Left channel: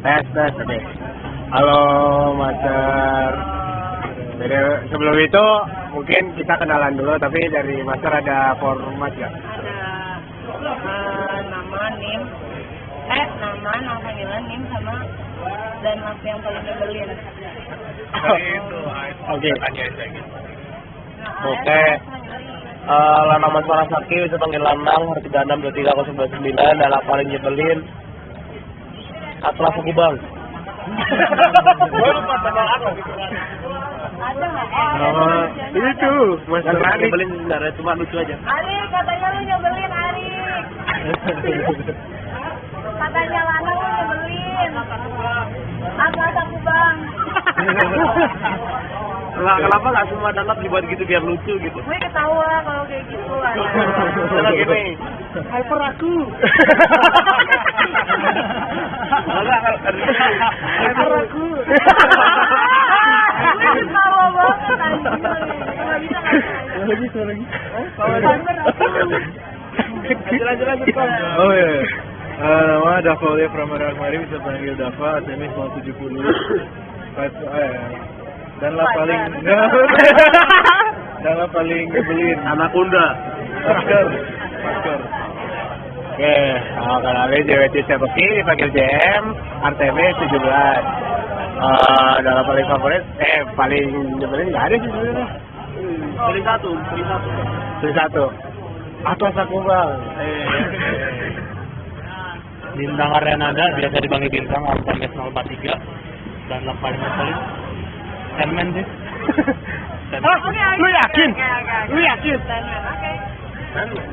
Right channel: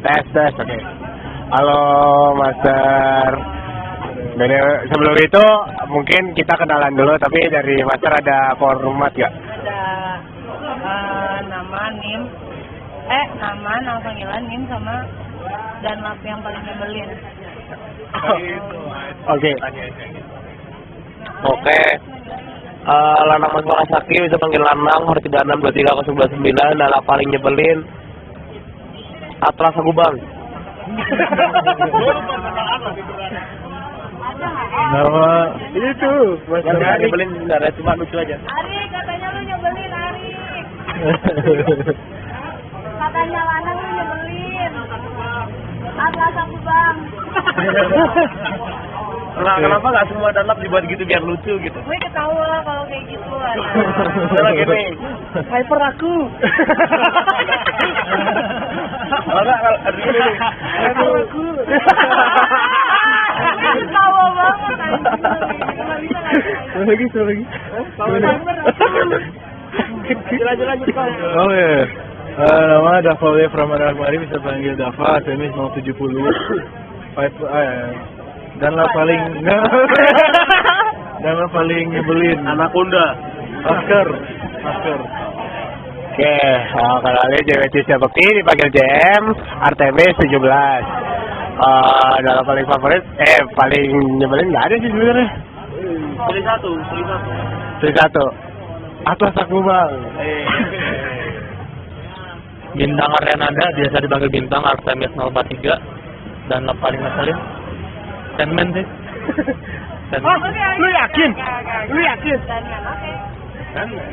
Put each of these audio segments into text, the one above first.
Tes, oke. Halo, Master. Sebelum itu mungkin kita kenalan dulu, tapi dari Master ada format nggak? Ada nama, NIM, nama panggilan NIM sama dan mas yang paling nyebelin. Oke. Oke. Lanang Mas Saki bisa panggil Lanang, nomor 3623099, dan paling nyebelin Atlas aku bang. Nama itu Master Ari. Nyebelin nggak ada, cuma itu aja. Ari, katanya lu nyebelin, Ari. Katanya Lana lu nyebelin. Atlas aku bang. Kenapa nggak semua danlap dibuat gitu biar lucu gitu? Gue ketawa kalau kayak gitu ada. Hyper aku. Gue ketawa banget anjing. Enggak bisa Lagi. Hyper aku. Oh iya. Nama Dava Pramana bisa panggil Dava, SMS 070. Nama paling nyebelin Anaconda. Oscar. Oke, kalau ini JWC Sebeki dipanggil JM, RTB 17. Nama paling favorit, paling nyebelin nggak ada sih sebenarnya. Pilih satu. Atlas aku bang. Bintang Aryanada biasa dipanggil Bintang, RTMS 043, dan paling nyebelin Sandman sih. Lu yakin? Oke.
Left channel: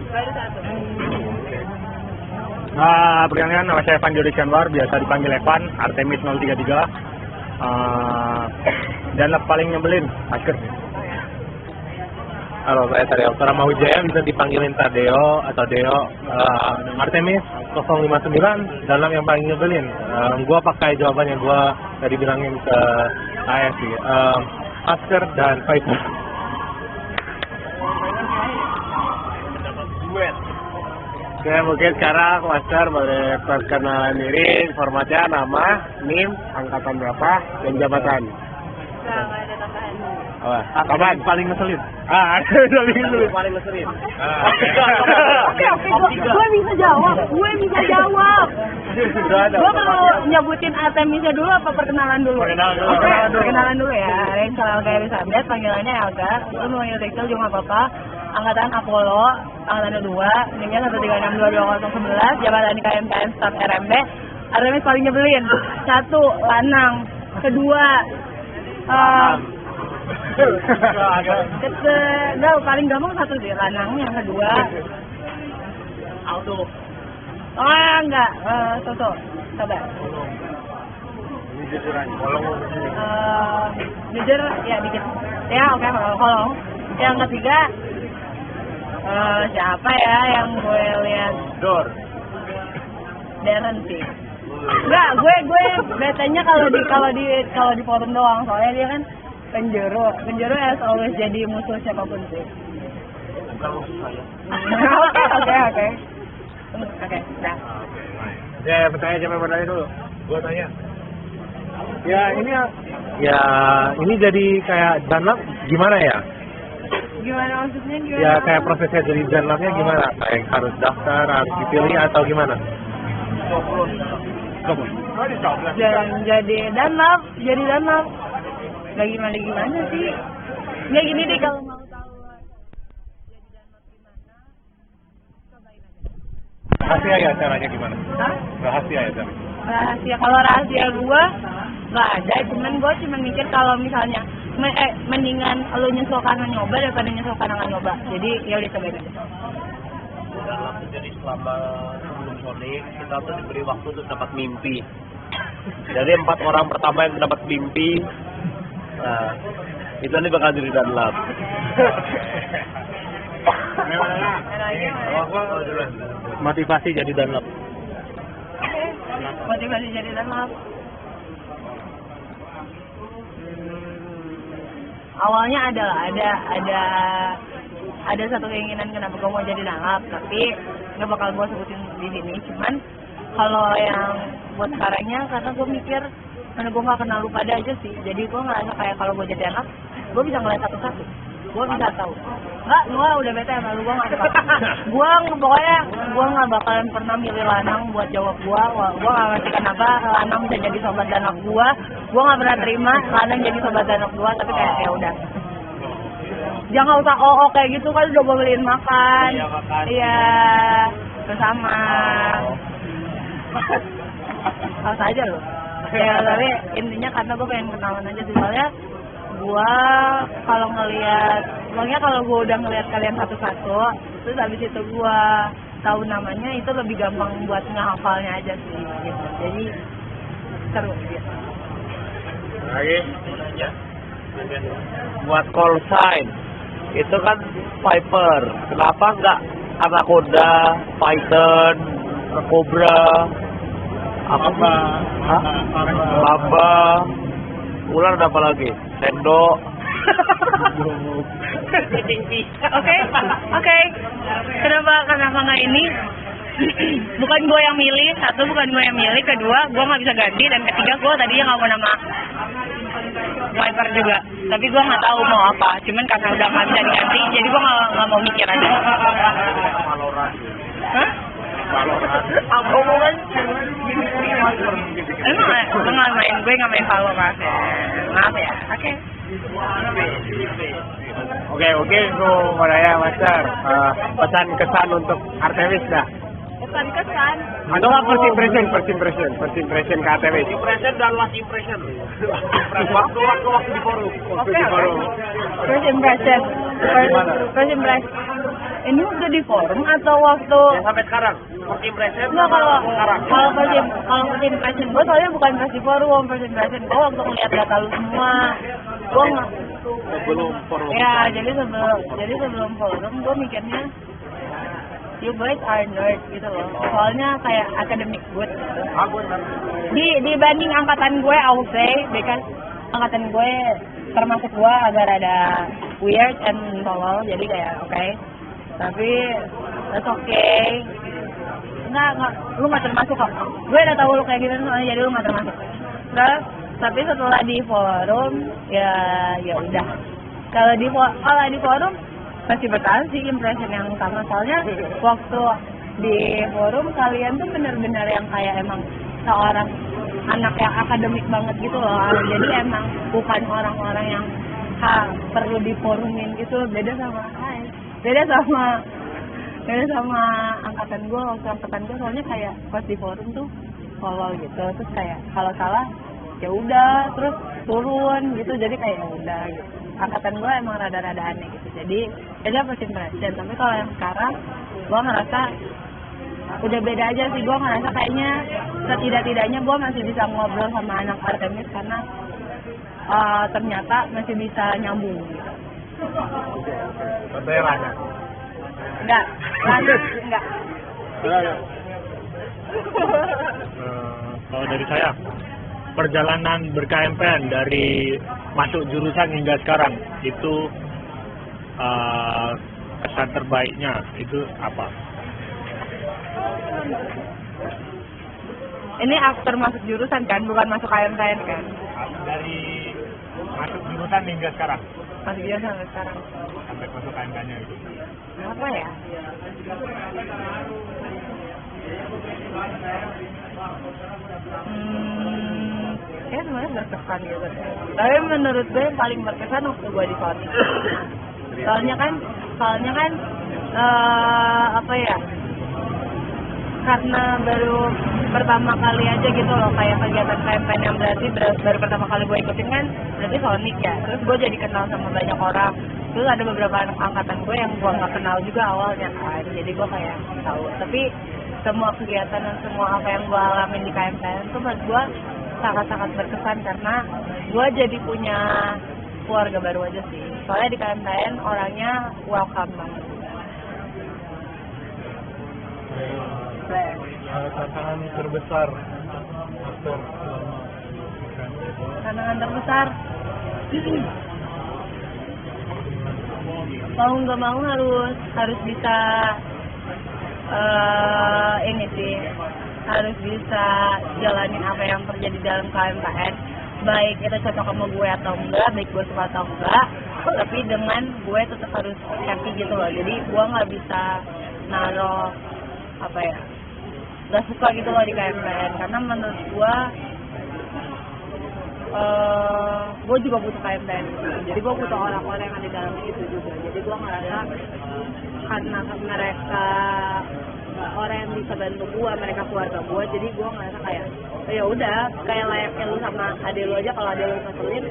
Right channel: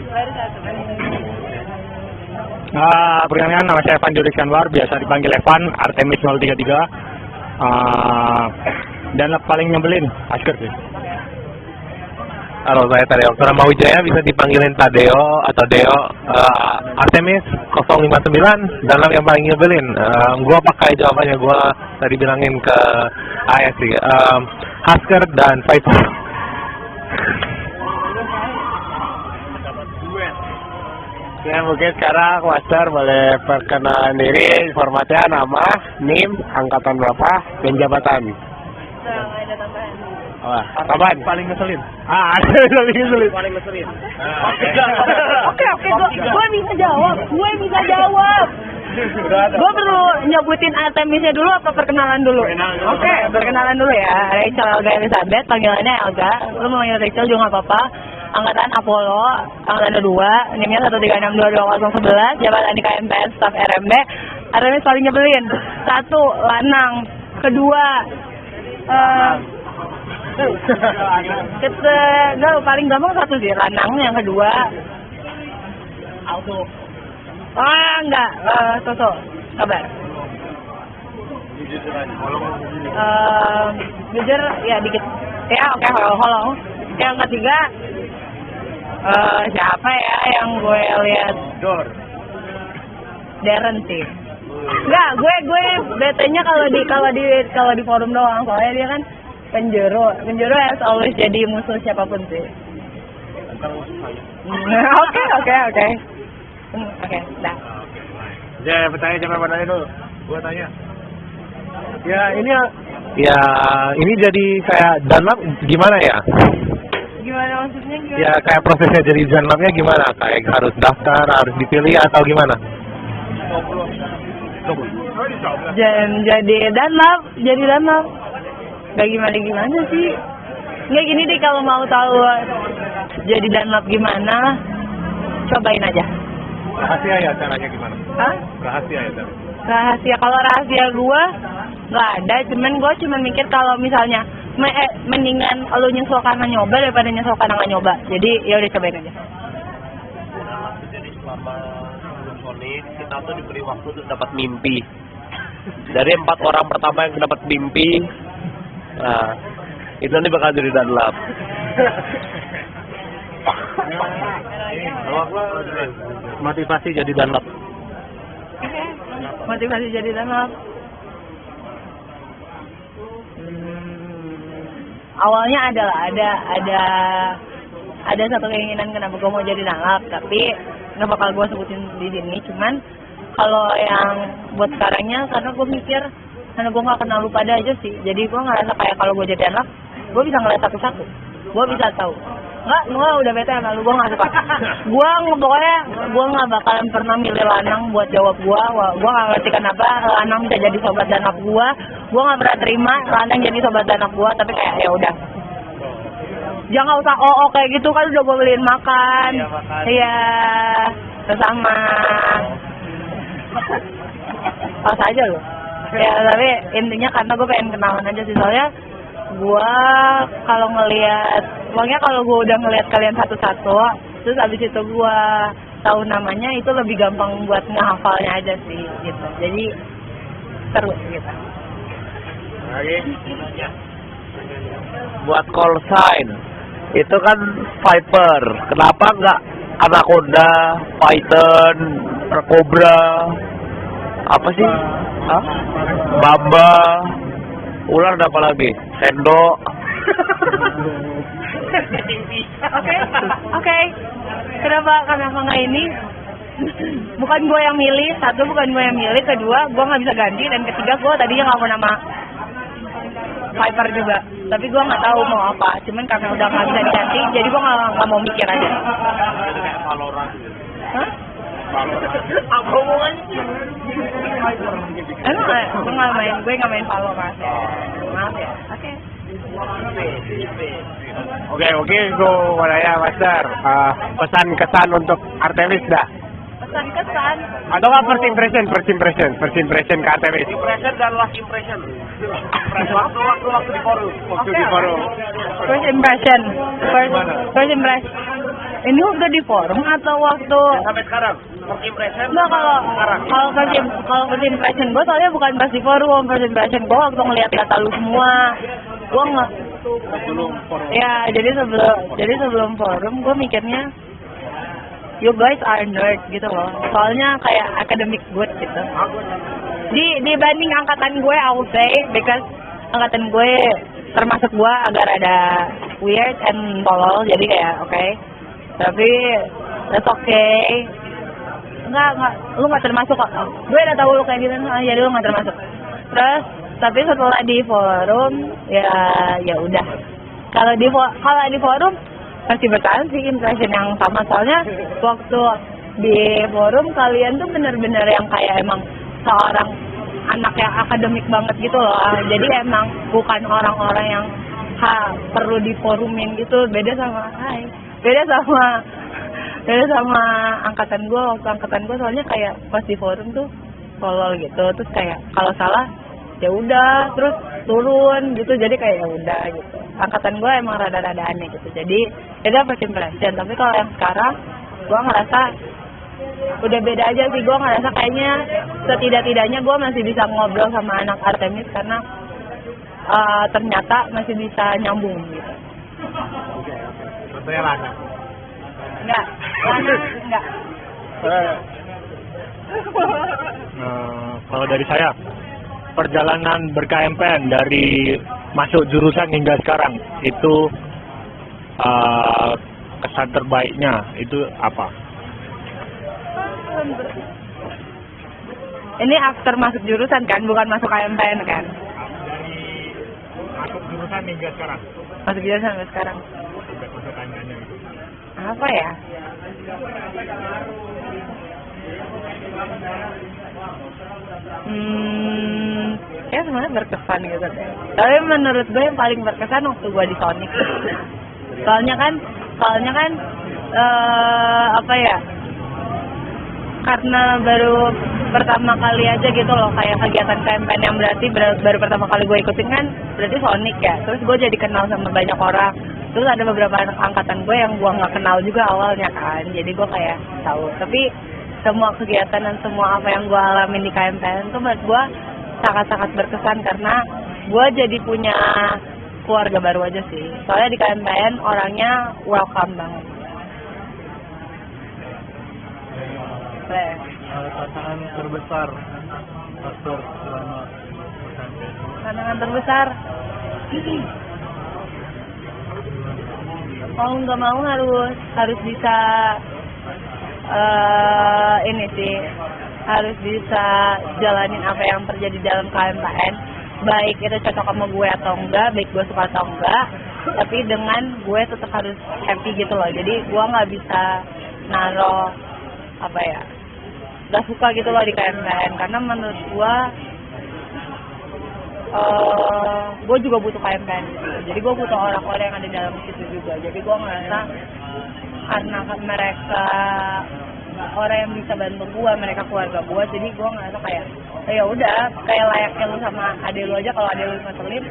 Baru satu. Perkenalkan nama saya Evan Jody Anwar, biasa dipanggil Evan, Artemis 033. Dan paling nyebelin, Asker sih. Halo, saya Tadeo Wijaya, bisa dipanggilin Tadeo atau Deo. Artemis 059, dalam yang paling nyebelin. Gua pakai jawabannya, gua tadi bilangin ke AS sih. Hasker dan Faisal. Oke, mungkin sekarang Master boleh perkenalan diri, formatnya nama, NIM, angkatan berapa, dan jabatan. Nggak ada tambahan. Kapan? Paling ngeselin. Paling ngeselin. Oke, gue bisa jawab. Gue perlu nyebutin anatemisnya dulu apa perkenalan dulu? Perkenalan dulu ya. Rachel Elga Elizabeth, panggilannya Elga. Lu mau manggil Rachel juga nggak apa-apa. Angkatan Apollo, angkatan 2, NIM-nya 1362211, jabatan di KMPS staf RMB. Anatemis paling nyebelin. 1, lanang. 2, paling gampang 1 sih, lanang. Yang kedua auto. Enggak, sosok kabar. Jujur ya dikit. Ya oke, holong. Yang ketiga siapa ya yang gue lihat? Darren sih. Enggak, gue betanya kalau di forum doang, soalnya dia kan penjuru yang selalu jadi musuh siapapun sih. Oke, dah. Ya, bertanya cuma pada itu. Gua tanya. Ya, ini jadi kayak danlap gimana ya? Gimana maksudnya? Ya, kayak prosesnya jadi danlapnya gimana? Kayak harus daftar, harus dipilih atau gimana? Jadi danlap. Gak gimana sih? Nggak gini deh, kalau mau tahu jadi danlap gimana, cobain aja. Rahasia ya caranya gimana? Hah? Rahasia ya caranya. Kalau rahasia gue nggak ada, gue cuman mikir kalau misalnya mendingan lo nyesel karena nyoba daripada nyesel karena nggak nyoba. Jadi ya udah cobain aja. Dalam jadi selama sebelum solid, kita tuh diberi waktu untuk dapat mimpi. Dari 4 orang pertama yang dapat mimpi, nah itu nanti bakal jadi danlap. Motivasi jadi danlap. Motivasi jadi danlap. Awalnya ada satu keinginan kenapa gue mau jadi danlap, tapi nggak bakal gue sebutin di sini. Cuman Kalau yang buat sekarangnya karena gue mikir karena gue nggak kenal lu pada aja sih, jadi gue ngerasa kayak kalau gue jadi anak gue bisa ngeliat satu-satu, gue bisa tahu nggak udah bete sama lu, gue nggak suka. Pokoknya gue nggak bakalan pernah milih lanang buat jawab gue nggak ngerti kenapa lanang bisa jadi sobat anak gue nggak pernah terima lanang jadi sobat anak gue, tapi kayak ya udah jangan usah kayak gitu kan udah gue beliin makan. Iya bersama pas aja loh ya, tapi intinya karena gue pengen kenalan aja sih, soalnya gue kalau ngelihat pokoknya kalau gue udah ngelihat kalian satu-satu terus abis itu gue tahu namanya itu lebih gampang buat ngehafalnya aja sih gitu, jadi seru gitu. Lagi Buat call sign itu kan Viper, kenapa nggak Anaconda, Python, Cobra, apa sih? Hah? Bamba, ular ada apa lagi? Sendok. Oke. Kenapa nggak ini? Bukan gue yang milih, satu bukan gue yang milih, kedua gue nggak bisa ganti, dan ketiga gue tadinya nggak mau nama Viper juga, tapi gue nggak tahu mau apa. Cuman karena udah nggak bisa diganti, jadi gue nggak mau mikir aja. Hah? Emang gue nggak main Valorant ya. Maaf ya. Oke. Oke, mungkin gue mulai ya Master. Pesan kesan untuk Artemis dah. Pesan kesan. Ada nggak first impression ke Artemis? Impression dan last impression. Waktu di forum. Oke. First impression. Ini waktu di forum atau waktu? Sampai sekarang. First impression Nah, sama sekarang. kalau first impression gue soalnya bukan pas di forum, first impression gue waktu ngeliat kata lu semua. Gue nggak. Sebelum forum. Ya, jadi sebelum forum gue mikirnya you guys are nerd gitu loh. Soalnya kayak academic good gitu. Dibanding angkatan gue, I would say, because angkatan gue termasuk gue agak rada weird and tolol, jadi kayak oke. Tapi that's okay. Enggak, lu nggak termasuk kok. Gue udah tahu lu kayak gimana, jadi lu nggak termasuk. Terus, tapi setelah di forum, ya udah. Kalau di forum masih bertahan sih impression yang sama, soalnya waktu di forum kalian tuh benar-benar yang kayak emang seorang anak yang akademik banget gitu loh. Jadi emang bukan orang-orang yang perlu diforumin gitu. Beda sama angkatan gue. Waktu angkatan gue soalnya kayak pas di forum tuh tolol gitu, terus kayak kalau salah ya udah terus turun gitu, jadi kayak ya udah gitu. Angkatan gue emang rada-rada aneh gitu, jadi beda first impression. Tapi kalau yang sekarang gue ngerasa udah beda aja sih. Gue ngerasa kayaknya setidak-tidaknya gue masih bisa ngobrol sama anak Artemis karena ternyata masih bisa nyambung gitu. Itu yang ada. Enggak. Kalau dari saya, perjalanan ber-KMPN dari masuk jurusan hingga sekarang itu kesan terbaiknya itu apa? Ini after masuk jurusan kan, bukan masuk KMPN kan? Dari masuk jurusan hingga sekarang. Masuk jurusan sampai sekarang. Sampai masuk KMPN-nya gitu. Apa ya? Ya sebenarnya berkesan gitu. Tapi menurut gue yang paling berkesan waktu gue di Sonic. Soalnya kan apa ya? Karena baru pertama kali aja gitu loh kayak kegiatan KMPN yang berarti baru pertama kali gue ikutin kan berarti Sonic ya. Terus gue jadi kenal sama banyak orang. Terus ada beberapa angkatan gue yang gue nggak kenal juga awalnya kan. Jadi gue kayak tahu. Tapi semua kegiatan dan semua apa yang gue alamin di KMPN itu buat gue sangat-sangat berkesan karena gue jadi punya keluarga baru aja sih. Soalnya di KMPN orangnya welcome banget. Tantangan terbesar. Tantangan terbesar. Mau nggak mau harus bisa ini sih harus bisa jalanin apa yang terjadi dalam KMPN, baik itu cocok sama gue atau enggak, baik gue suka atau enggak, tapi dengan gue tetap harus happy gitu loh. Jadi gue nggak bisa naruh apa ya, nggak suka gitu loh di KMPN, karena menurut gue juga butuh KMPN gitu. Jadi gue butuh orang-orang yang ada di dalam situ juga. Jadi gue ngerasa karena mereka orang yang bisa bantu gue, mereka keluarga gue, jadi gue ngerasa kayak ya udah, kayak layaknya lu sama adik lu aja, kalau adik lu ngeselin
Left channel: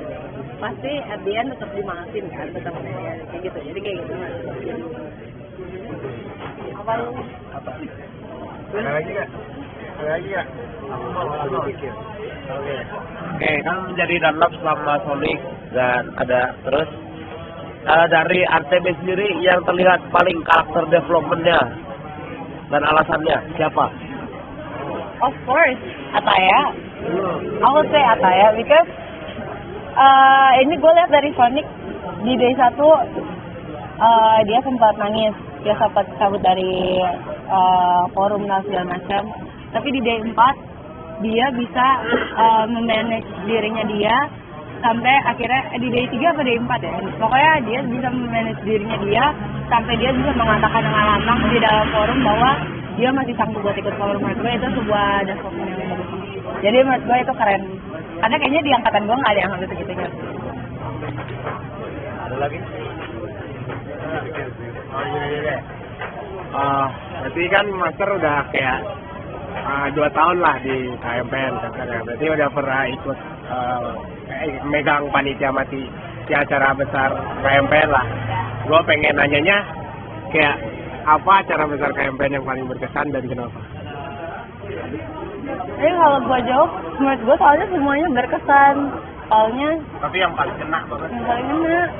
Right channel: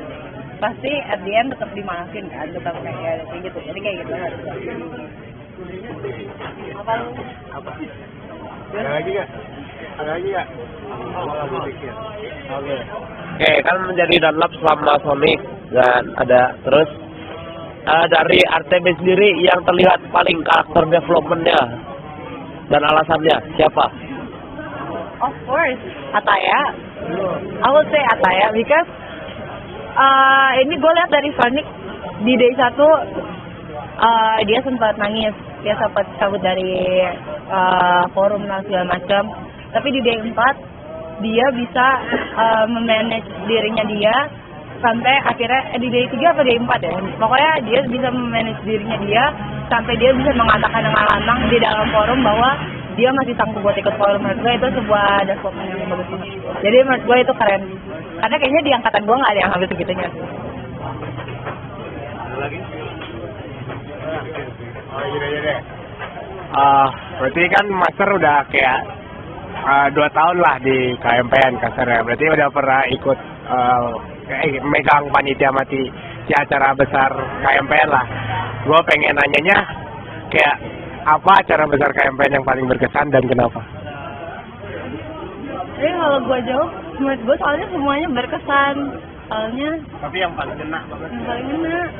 pasti at the end tetap dimaafin kan, kita kayak gitu. Jadi kayak gitu. Apa lu? Ada lagi nggak? Ada lagi nggak? Mau lagi pikir. Oke. Oke, kan menjadi download selama Sonic dan ada terus dari Artemis sendiri yang terlihat paling karakter developmentnya dan alasannya siapa? Of course, Ataya. I would say Ataya because ini gue lihat dari Sonic di day 1 dia sempat nangis, dia sempat cabut dari forum lah segala macam. Tapi di day 4 dia bisa memanage dirinya dia sampai akhirnya di day 3 apa day 4 ya. Pokoknya dia bisa memanage dirinya dia sampai dia bisa mengatakan dengan lantang di dalam forum bahwa dia masih sanggup buat ikut forum. Menurut gue itu sebuah development yang bagus. Jadi menurut gue itu keren. Karena kayaknya di angkatan gue nggak ada yang sampai segitunya. Berarti kan Master udah kayak 2 tahun lah di KMPN kasarnya. Berarti udah pernah ikut megang panitia mati di acara besar KMPN lah. Gue pengen nanyanya kayak apa acara besar KMPN yang paling berkesan dan kenapa? Ini kalau gue jawab, menurut gue soalnya semuanya berkesan. Soalnya Tapi yang paling kena banget. yang paling enak.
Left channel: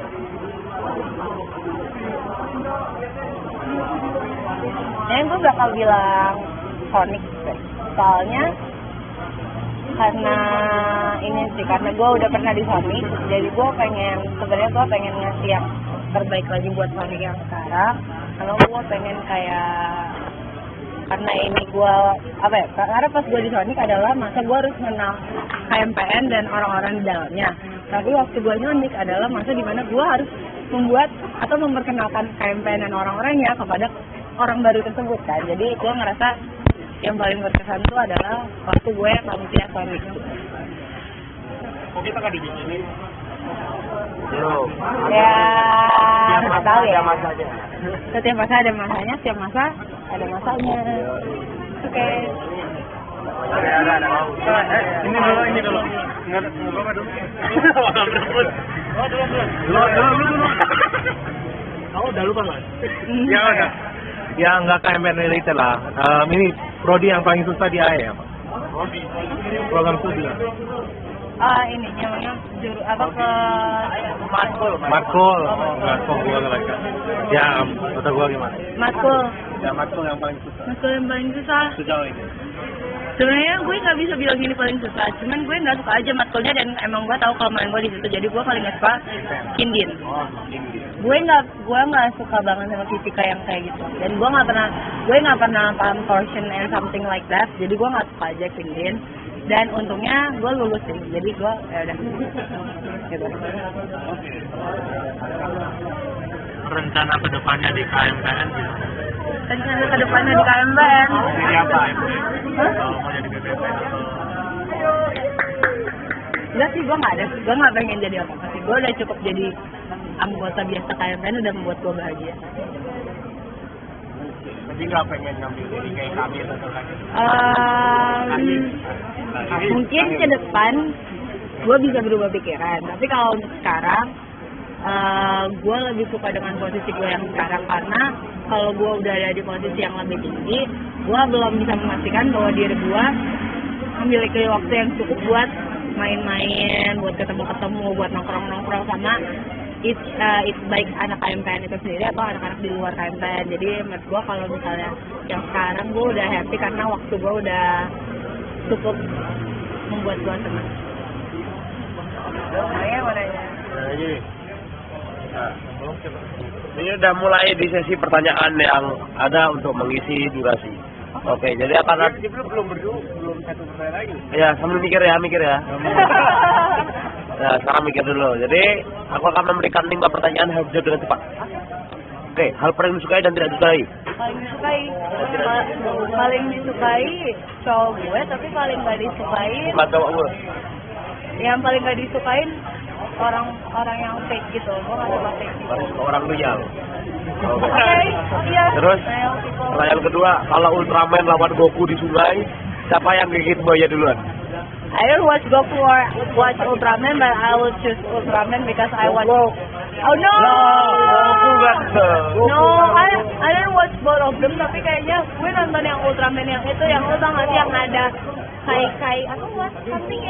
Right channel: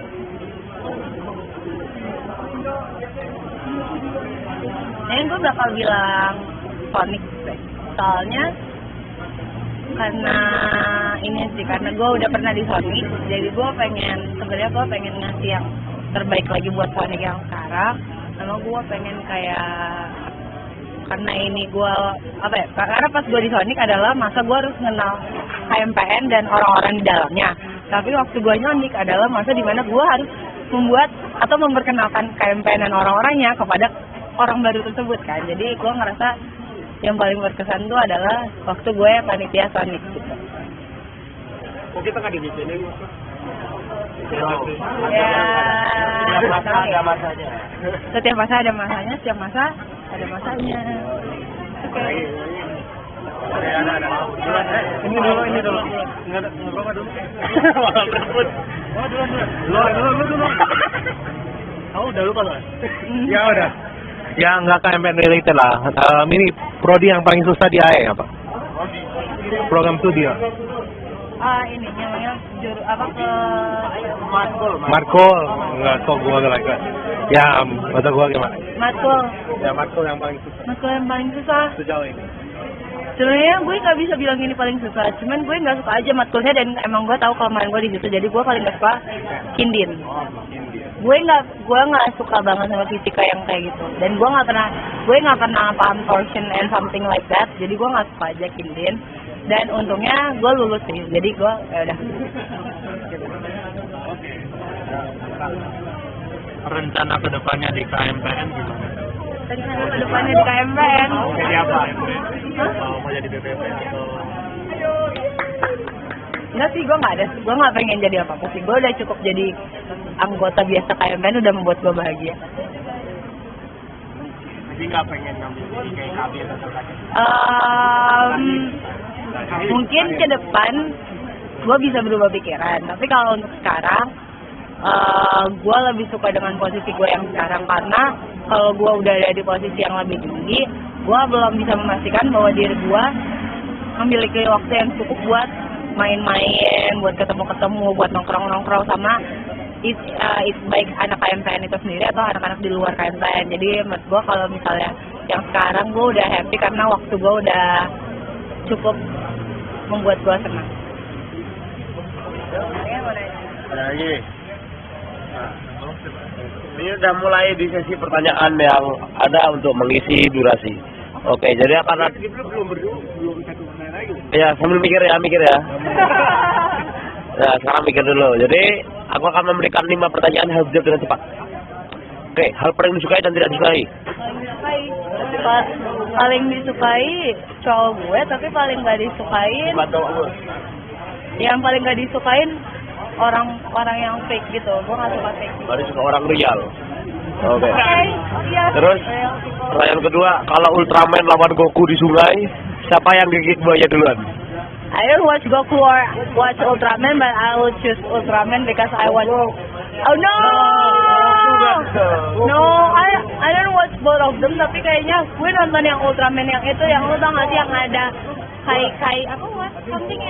Ini tuh bakal bilang Sonic sih. Soalnya karena ini sih, karena gue udah pernah di Sonic, jadi gue sebenarnya gue pengen ngasih yang terbaik lagi buat Sonic yang sekarang. Sama gue pengen kayak, karena ini gue apa ya, karena pas gue di Sonic adalah masa gue harus mengenal KMPN dan orang-orang di dalamnya. Tapi waktu gue Sonic adalah masa dimana gue harus membuat atau memperkenalkan KMPN dan orang-orangnya kepada orang baru tersebut kan. Jadi gue ngerasa yang paling berkesan itu adalah waktu gue panitia Sonic gitu. Kita kan di sini. Bro, Ada masanya. Setiap masa ada masanya, setiap masa ada masanya. Oke. Ada. Ini dulu. Ngerokok dulu. Dulu. Oh, udah lupa, Mas. Yang ada. Yang nggak KMPN related lah. Ini prodi yang paling susah di AE apa? Program studi. Ini namanya juru apa ke Marco, nggak tahu gue lagi. Ya, atau gue gimana? matkul. Ya, matkul yang paling susah Matkul yang paling susah. sejauh ini. Sebenarnya gue nggak bisa bilang ini paling susah, cuman gue nggak suka aja matkulnya dan emang gue tahu kelemahan gue di situ, jadi gue paling nggak suka kindin. Gue nggak suka banget sama fisika yang kayak gitu, dan gue nggak pernah paham torsion and something like that, jadi gue nggak suka aja kindin. Dan untungnya gue lulus sih, jadi gue udah. Rencana kedepannya di KMPN gitu. Rencana kedepannya di KMPN. Jadi apa? Enggak sih, gue nggak ada. Gue nggak pengen jadi apa-apa sih. Gue udah cukup jadi anggota biasa KMPN udah membuat gue bahagia. Jadi nggak pengen ngambil jadi kayak kami atau kakek? Mungkin ke depan gue bisa berubah pikiran. Tapi kalau untuk sekarang, gue lebih suka dengan posisi gue yang sekarang, karena kalau gue udah ada di posisi yang lebih tinggi, gue belum bisa memastikan bahwa diri gue memiliki waktu yang cukup buat main-main, buat ketemu-ketemu, buat nongkrong-nongkrong sama it's baik anak KMPN itu sendiri atau anak-anak di luar KMPN. Jadi menurut gue kalau misalnya yang sekarang gue udah happy karena waktu gue udah cukup membuat gue segitu. Ada lagi. Ini udah mulai di sesi pertanyaan yang ada untuk mengisi durasi. Oke, jadi akan ada... Ya, sambil mikir ya. Nah, sekarang mikir dulu. Jadi, aku akan memberikan 5 pertanyaan, harus jawab dengan cepat. Oke, hal paling disukai dan tidak disukai. Paling disukai cowok gue, tapi paling gak disukain yang paling gak disukain orang yang fake gitu. Gue gak suka fake. Harus orang real. Oke. Iya. Terus pertanyaan kedua, kalau Ultraman lawan Goku di sungai, siapa yang gigit buaya duluan? I will watch Goku or watch Ultraman, but I will choose Ultraman because I want. Oh no! No, I don't watch both of them, tapi kayaknya gue nonton yang Ultraman yang itu, yang lo tau gak sih yang ada kai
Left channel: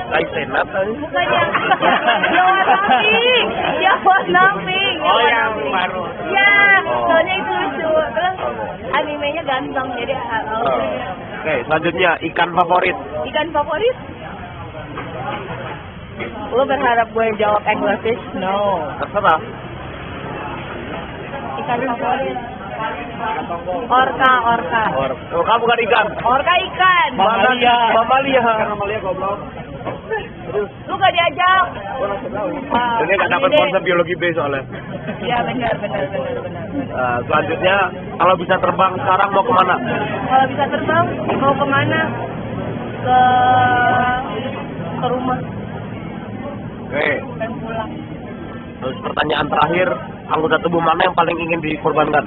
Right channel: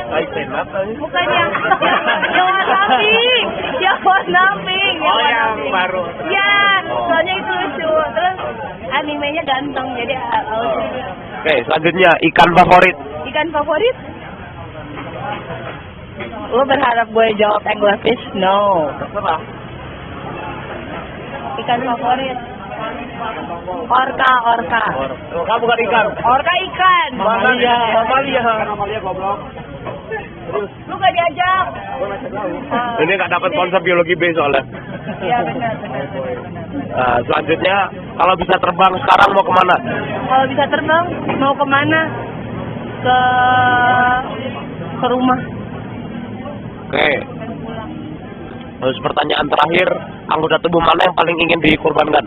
Kai senap. bukan yang was nothing. Oh, yang baru. Ya, soalnya itu lucu. Terus animenya ganteng, jadi Oke, selanjutnya ikan favorit. ikan favorit. Lo berharap gue jawab anglerfish? No. Kenapa? Ikan favorit. Orca. Orca bukan ikan. Orca ikan. Mamalia goblok. Lu gak diajak. Ini nggak dapat sponsor biologi B soalnya. Iya benar. Nah, selanjutnya kalau bisa terbang sekarang mau kemana? Kalau bisa terbang, mau kemana? Ke rumah. Oke. Dan pulang. Terus pertanyaan terakhir, anggota tubuh mana yang paling ingin dikorbankan?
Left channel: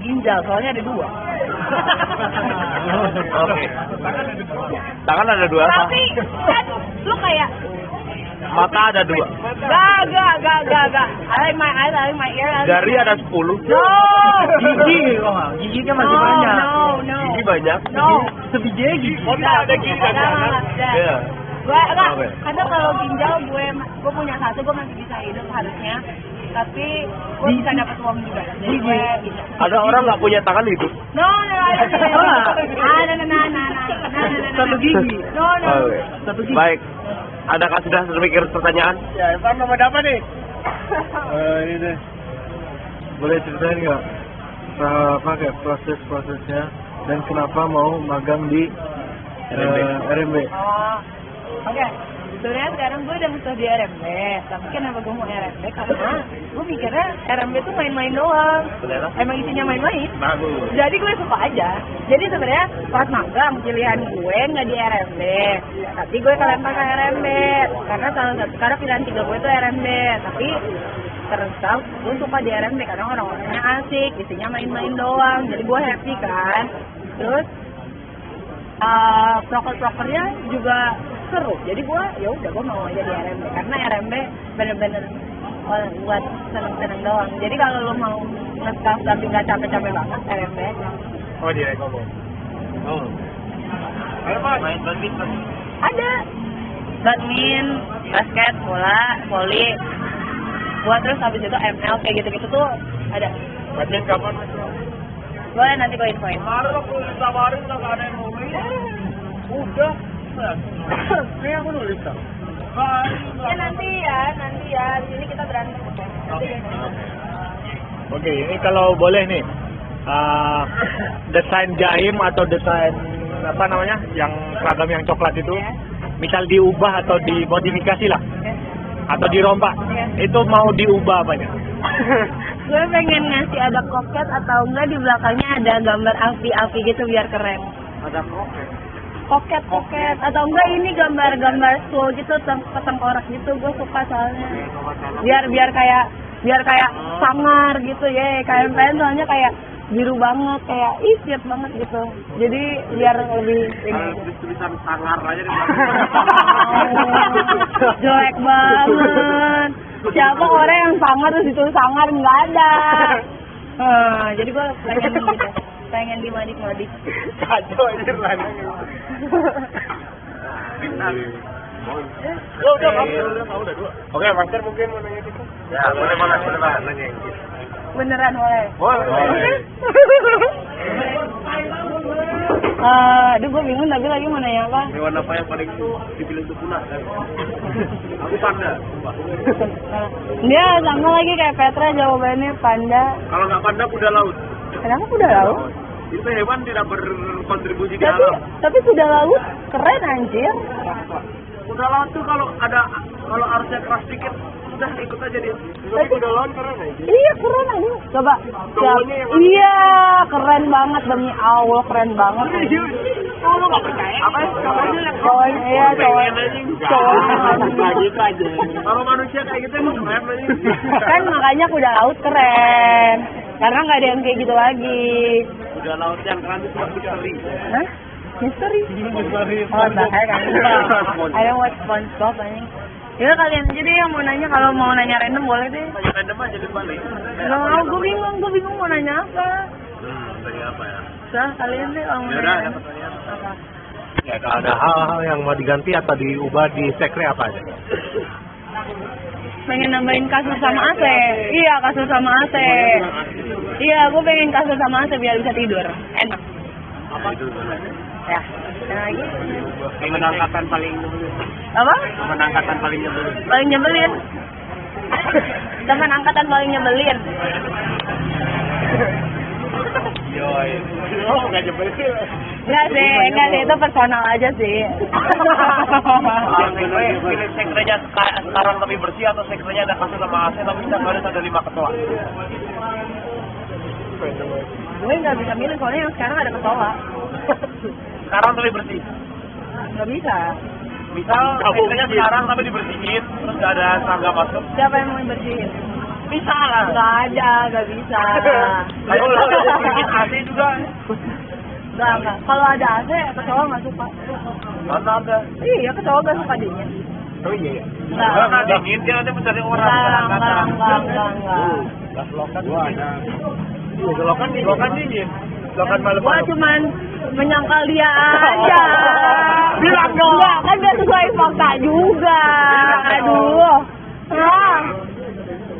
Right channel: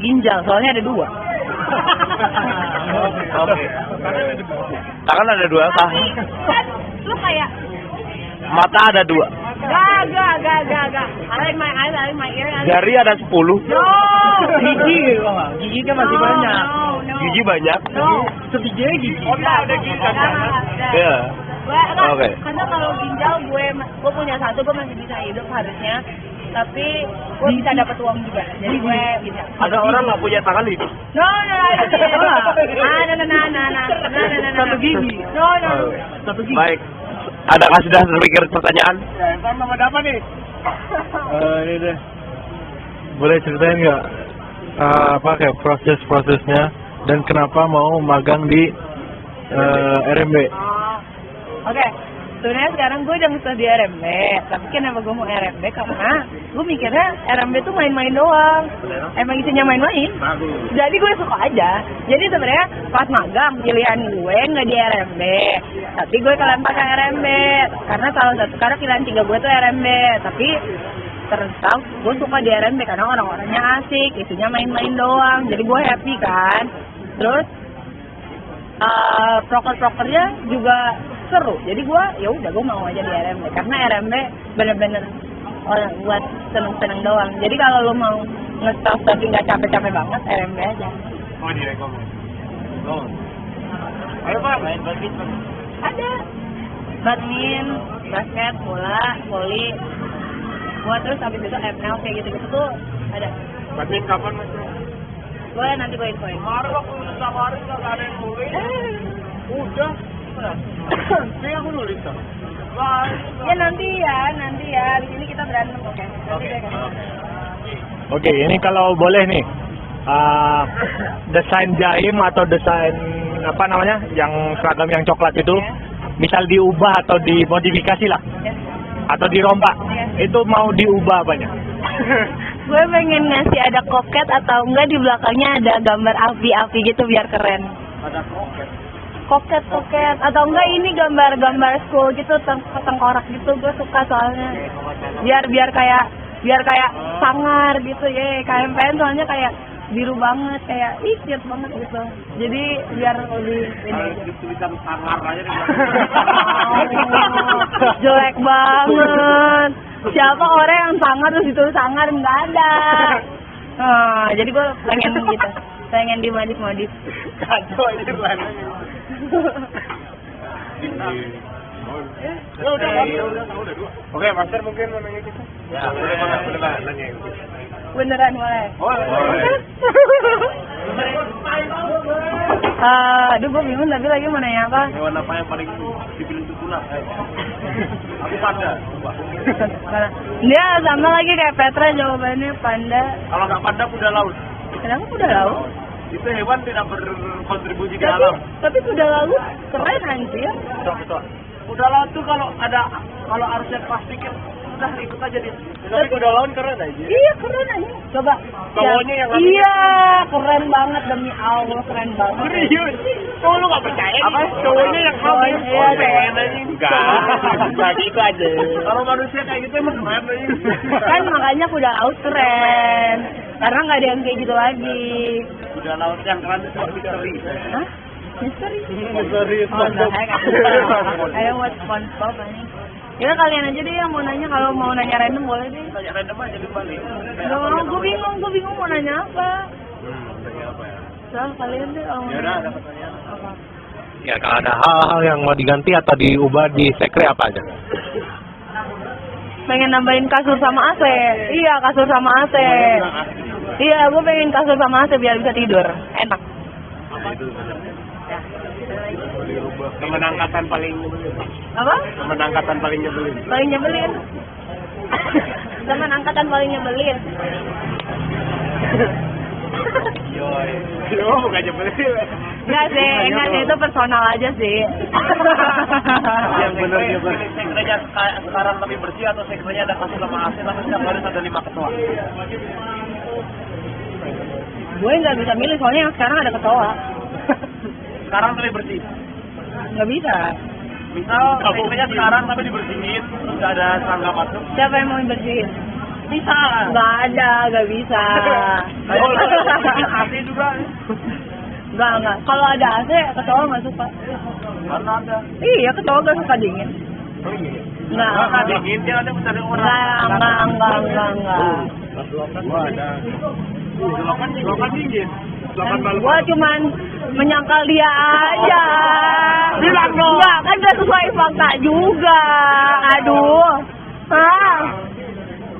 Ginjal, soalnya ada 2. Oke. Tangan ada 2 apa? Tapi kan lu kayak Mata ada 2. gak. I like my eyes, I like my ear. Jari ada 10. No. Gigi kok nggak? Gigi kan masih banyak. No. Gigi banyak. No. Sebiji gigi. Ada gigi. Ya. Oke. Karena kalau ginjal gue punya 1, gue masih bisa hidup harusnya. Tapi gue bisa dapat uang juga. Jadi gue bisa. Ada orang nggak punya tangan hidup. No. Satu gigi. No. Satu gigi. Baik. Adakah sudah terpikir pertanyaan? Ya, Evan mau dapat nih. Ini deh. Boleh ceritain nggak apa kayak proses-prosesnya dan kenapa mau magang di RMB? Oke. Sebenarnya sekarang gue udah ngesah di RMB, tapi kenapa gue mau RMB? Karena gue mikirnya RMB tuh main-main doang. Emang isinya main-main. Jadi gue suka aja. Jadi sebenarnya pas magang pilihan gue nggak di RMB, tapi gue kelantakan RMB. Karena salah satu karena pilihan 3 gue tuh RMB, tapi terus gue suka di RMB karena orang-orangnya asik, isinya main-main doang. Jadi gue happy kan. Terus proker-prokernya juga seru, jadi gue mau aja di RMB karena RMB bener-bener buat seneng-seneng doang. Jadi kalau lu mau nge-staff tapi nggak capek-capek banget, RMB aja. Oh di Eko Boy. Oh. Main badminton. Ada badminton, basket, bola, voli, buat terus habis itu ML kayak gitu-gitu tuh ada. Badminton kapan? Gue nanti gue infoin. Kemarin waktu ditawarin nggak ada yang nulis. Udah. Kayak aku nulis kan. Ya nanti ya. Di sini kita berantem. Nanti deh. Oke, ini kalau boleh nih. Desain jaim atau desain apa namanya? Yang seragam yang coklat itu. Ya. Misal diubah atau dimodifikasi lah. Ya. Atau dirompak. Ya. Itu mau diubah apa nih? Gue pengen ngasih ada koket atau enggak di belakangnya ada gambar api-api gitu biar keren. Ada kroket. Koket atau enggak ini gambar school gitu tengkorak gitu, gue suka soalnya. Biar kayak sangar gitu ya. KMPN soalnya kayak biru banget, kayak siap banget gitu. Jadi biar lebih ini. Tulisan sangar aja di Jelek banget. Siapa orang yang sangar terus itu sangar nggak ada. Jadi gue pengen gitu, pengen dimodif. Kacau aja lah. Ya udah, oke, master mungkin mau ini. Ya, boleh Pak. Nanya. Beneran boleh. Boleh. Aduh, gue bingung tadi lagi mau nanya apa. Hewan apa yang paling dipilih untuk punah? Aku panda. Dia sama lagi kayak Petra jawabannya panda. Kalau nggak panda, kuda laut. Kenapa kuda laut? Itu hewan tidak berkontribusi di Tapi, alam. tapi kuda laut keren anjir. Kuda laut tuh kalau arusnya keras dikit, udah ikut aja dia. Tapi kuda laut keren aja. Iya keren aja. Coba. Cowoknya yang Iya keren banget demi Allah keren banget. Oh, lu nggak percaya? Apa? Cowoknya yang Cowoknya iya cowoknya. Enggak gitu aja. Kalau manusia kayak gitu emang keren aja. Kan makanya kuda laut keren. Karena nggak ada yang kayak gitu lagi. Kuda laut yang keren itu misteri. Hah? Misteri? Oh, enggak, kan. Ada buat SpongeBob aja. Ya kalian aja deh yang mau nanya, kalau mau nanya random boleh deh. Tanya random aja di balik. Gak mau, gue bingung mau nanya apa. Tanya apa ya? Soal kalian deh kalau mau Ya udah, nanya. ada pertanyaan. Apa? Ya kalau ada hal-hal yang mau diganti atau diubah di sekre apa aja? Pengen nambahin kasur sama AC. Iya, kasur sama AC. Iya, gue pengen kasur sama AC biar bisa tidur. Enak. Itu Ya. Ada lagi? menangkatan paling nyebelin. Apa? Menangkatan paling nyebelin. Paling nyebelin. Teman angkatan paling nyebelin. Yoi. Oh, bukan nyebelin. Enggak sih, itu personal aja sih. Sekrenya sekarang lebih bersih atau sekrenya ada kasur sama AC tapi setiap hari ada 5 ketua? Gue nggak bisa milih soalnya yang sekarang ada ketua. Sekarang lebih bersih. Nggak bisa. Misal sekrenya sekarang tapi dibersihin terus nggak ada serangga masuk. Siapa yang mau bersihin? Bisa lah. Nggak ada, nggak bisa. Kayak bikin AC juga. Nggak. Kalau ada AC, ketua nggak suka. Mana ada? Iya, ketua nggak suka dingin. Nggak. Karena dingin dia nanti mencari orang. Enggak. Pas lokan gua ada. Lokan dingin. Lokan malam. Gua cuman menyangkal dia aja. Bilang dong. Enggak, kan gak sesuai fakta juga. Aduh. Hah?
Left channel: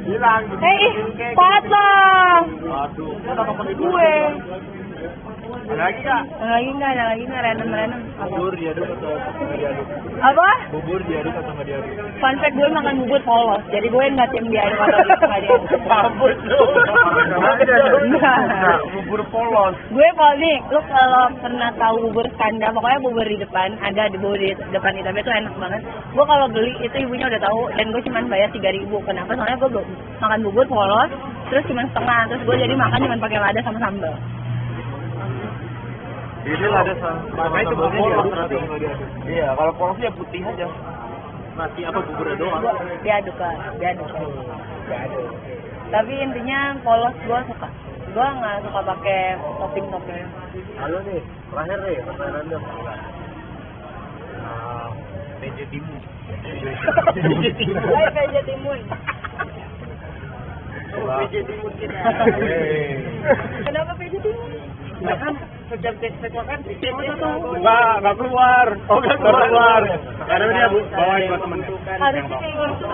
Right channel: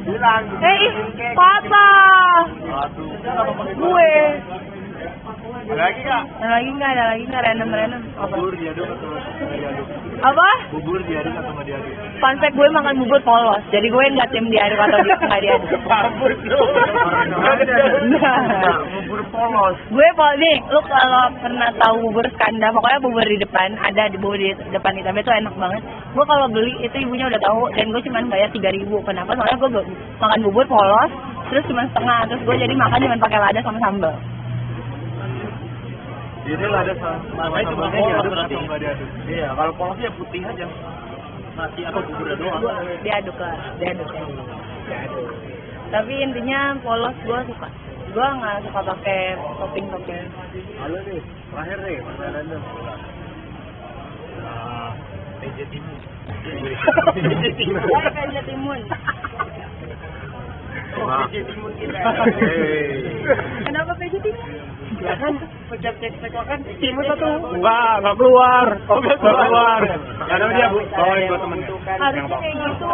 Bilang. Papa. Aduh, kenapa pakai Gue. Ada lagi nggak? Ada lagi nggak random. Bubur dia dulu. Apa? Bubur dia dulu sama dia. Fun fact, gue makan bubur polos. Jadi gue nggak tim diaduk atau nggak diaduk. Mampus lu. Bubur polos. Gue nih, lu kalau pernah tahu bubur skanda, pokoknya bubur di depan, ada di bubur di depan hitamnya itu enak banget. Gue kalau beli itu ibunya udah tahu dan gue cuma bayar 3.000. Kenapa? Soalnya gue makan bubur polos, terus cuma setengah, terus gue jadi makan cuma pakai lada sama sambal. Ini lah deh, makanya itu polos berarti. Iya, kalau polosnya putih aja. Nasi apa buburnya doang? Diaduk lah. Tapi intinya polos gue suka. Gue nggak suka pakai topping. Halo nih, terakhir nih pertanyaannya. Hai Pak Timun. Kenapa Pak Timun? Pejam cek kan timus atau enggak keluar. Oh, enggak keluar. Ada dia Bu, bawain buat temennya. Harusnya kayak gitu.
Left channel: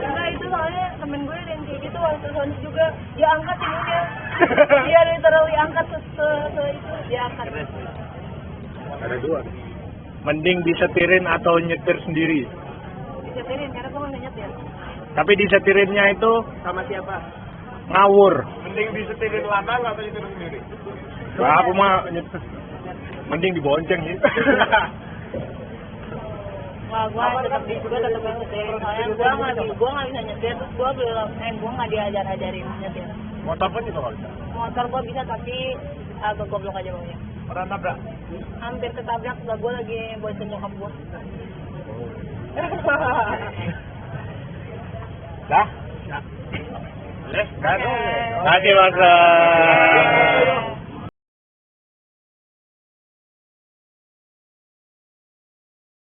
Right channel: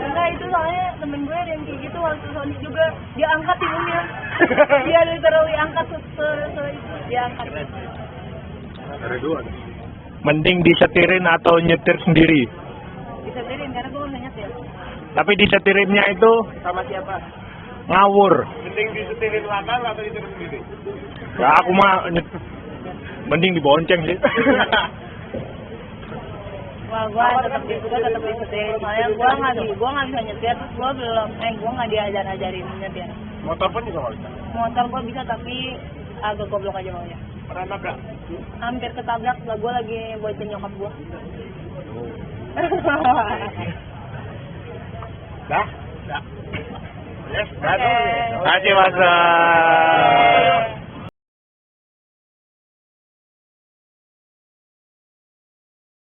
Enggak, itu soalnya temen gue ada yang kayak gitu langsung suami juga dia angkat timunnya. Dia literally angkat ke dia angkat. Ada dua. Mending disetirin atau nyetir sendiri. Disetirin karena gue nggak nyetir. Tapi disetirinnya itu Sama siapa? ngawur. Mending disetirin lanang atau disetirin sendiri? Nah, aku mah mending dibonceng sih. Wah, gue tetap disetirin. Soalnya gue nggak bisa nyetir. Gue nggak diajarin nyetir. Motor pun juga bisa. Motor gue bisa tapi agak goblok aja maunya. Pernah nabrak? Hampir ketabrak, gue lagi bonceng nyokap gue. Dah? Yes, terima kasih Mas.